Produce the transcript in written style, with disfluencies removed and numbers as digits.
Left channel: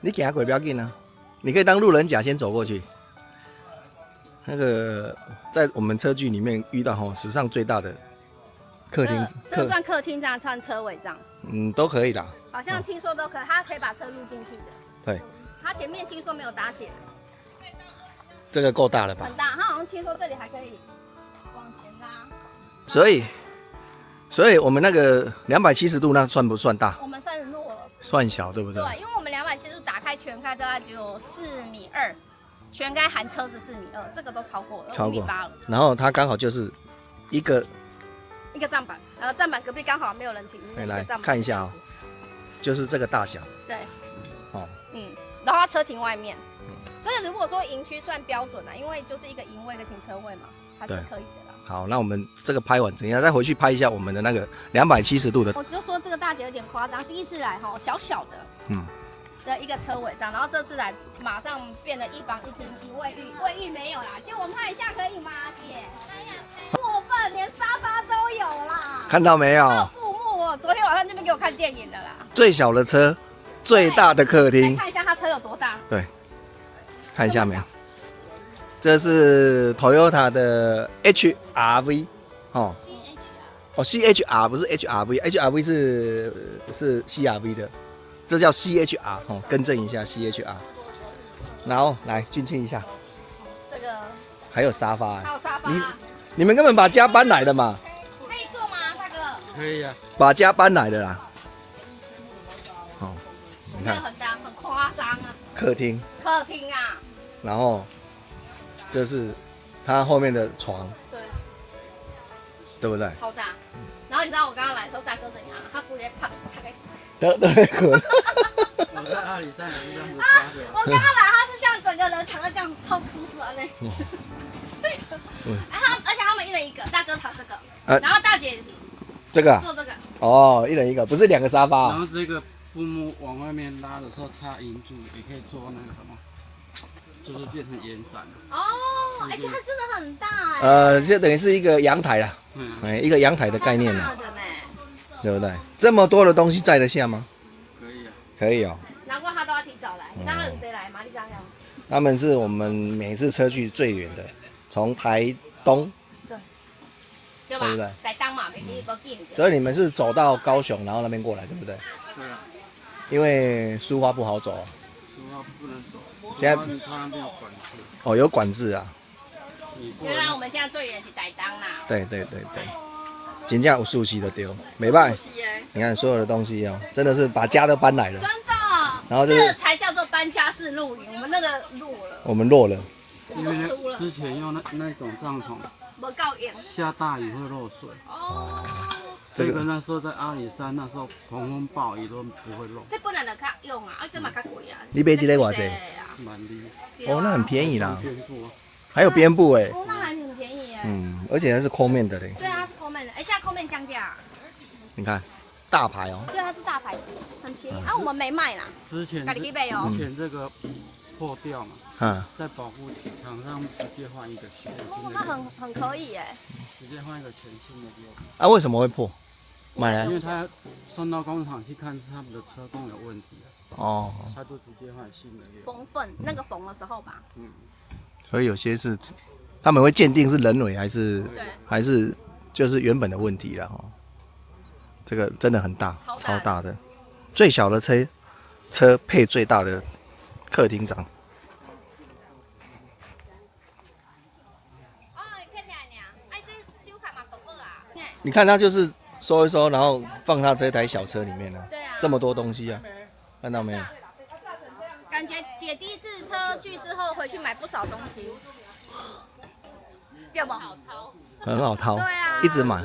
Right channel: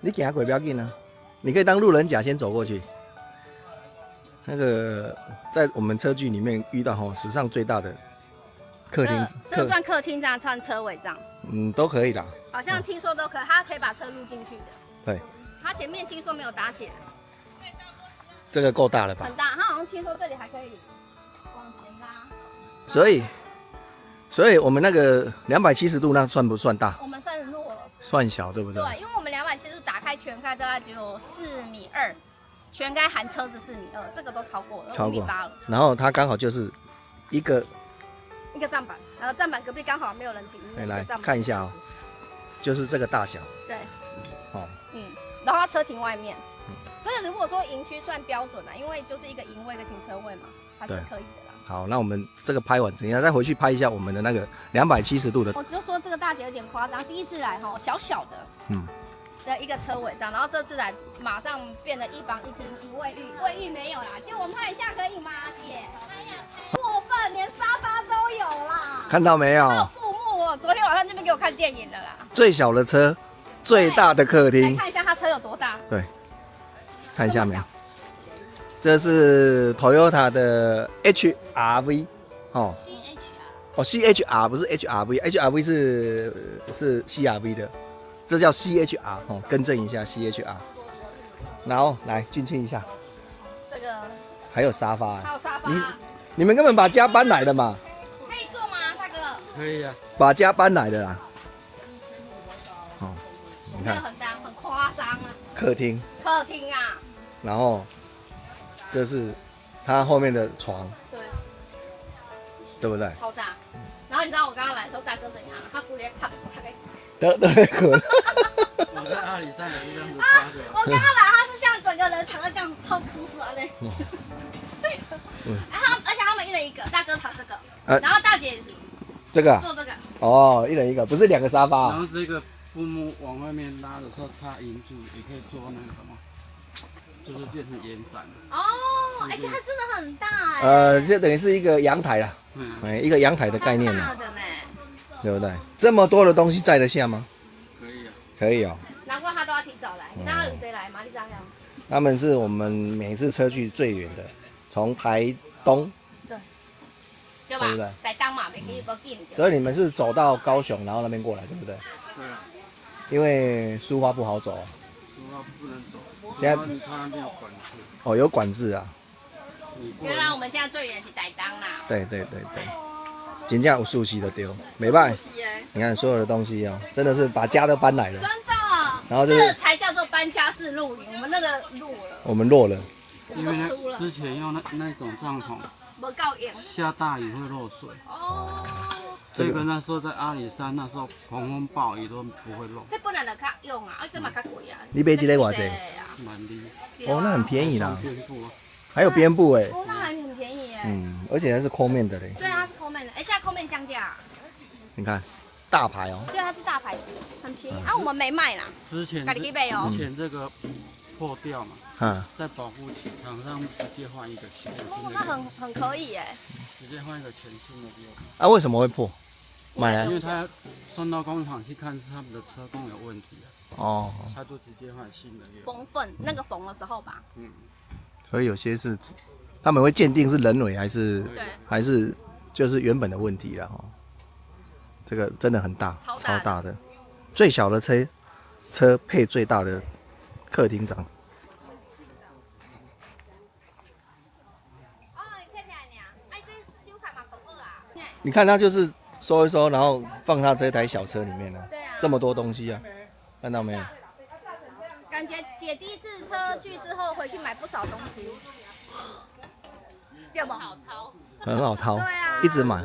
你行过不要紧啊，你可以当路人甲先走过去。那个在我们车距里面遇到史上最大的客厅，这算客厅这样，算车尾这样？都可以啦。好像听说都可以，它可以把车入进去的。对。它前面听说没有搭起来。这个够大了吧？很大，它好像听说这里还可以往前拉。所以我们那个270度那算不算大？我们算弱了。算小，对不对？对，因为我们270度打开全开大概只有4.2米，全开含车子4.2米，这个都超过了，5.8米了。然后它刚好就是一个站板，然后站板隔壁刚好没有人停。来看一下就是这个大小。对。然后它车停外面。这个如果说营区算标准啦，因为就是一个营位一个停车位嘛，它是可以的啦。好，那我们这个拍完，等一下再回去拍一下我们的那个270度的。我就说这个大姐有点夸张，第一次来小小的，的一个车尾这样，然后这次来马上变得一房一厅一卫浴，卫浴没有啦，借我们拍一下可以吗，姐？过分，连沙发都有啦。看到没有？还有布幕哦，昨天晚上这边给我看电影的啦。最小的车，最大的客厅。看一下它车有多大？对。看一下没有？这是 Toyota 的 HRV CHR 不是 HRV 是 CRV 的，这叫 CHR 更正一下 CHR。然后来进去一下，这个还有沙发，还有沙发，你们根本把家搬来的嘛？可以坐吗，大哥？可以啊，把家搬来的啦。你看很大，很夸张啊。客厅啊。然后这是它后面的床，对不对？超大。然后你知道我刚刚来的时候，大哥怎样？他直接趴在。对。我在阿里山也是这样子趴的。我刚刚来，他是这样，整个人躺在这样，超舒适的嘞。而且他们一人一个，大哥躺这个，然后大姐这个坐这个。哦，一人一个，不是2个沙发。然后这个布幕往外面拉的时候插银柱，也可以做那个什么。就是变成延展哦，而且它真的很大就等于是一个阳台啦，一个阳台的概念啦，对不对？这么多的东西载得下吗？可以啊，可以哦。难怪他都要提早来，你知道他有得来吗？你这样。他们是我们每次车距最远的，从台东，对吧？台东嘛，没去过近。所以你们是走到高雄，然后那边过来，对不对？对啊。因为苏花不好走。苏花不能走。现在他那边有管制有管制啊。原来我们现在最远是台东啦。对，真正有熟悉的丢，没办法。你看所有的东西真的是把家都搬来了。真的。然后这才叫做搬家式露营，我们那个落了。我们落了。我们都输了。之前用那种帐篷，没够硬。下大雨会漏水。这个那时候在阿里山，那时候狂风暴雨都不会漏。这本来就较用啊，这嘛较贵啊。你买这个多少？那很便宜啦。还有边布那还很便宜而且它是抠面的嘞。对啊，它是抠面的，而且它抠面降价。你看，大牌哦。对，它是大牌子，很便宜。我们没卖啦。之前这个破掉嘛，在保护期厂商直接换一个新的。那很可以直接换一个全新的。为什么会破？买来？因为他送到工厂去看，是他们的车工有问题他都直接换新的。缝缝那个缝的时候吧。所以有些是他们会鉴定是人为还是就是原本的问题了这个真的很大，超大的，最小的车配最大的客厅长。你看他就是收一收，然后放到这台小车里面了。这么多东西看到没有？感觉姐第一次车去之后回去买不少东西，对不？很好掏，对啊，一直买。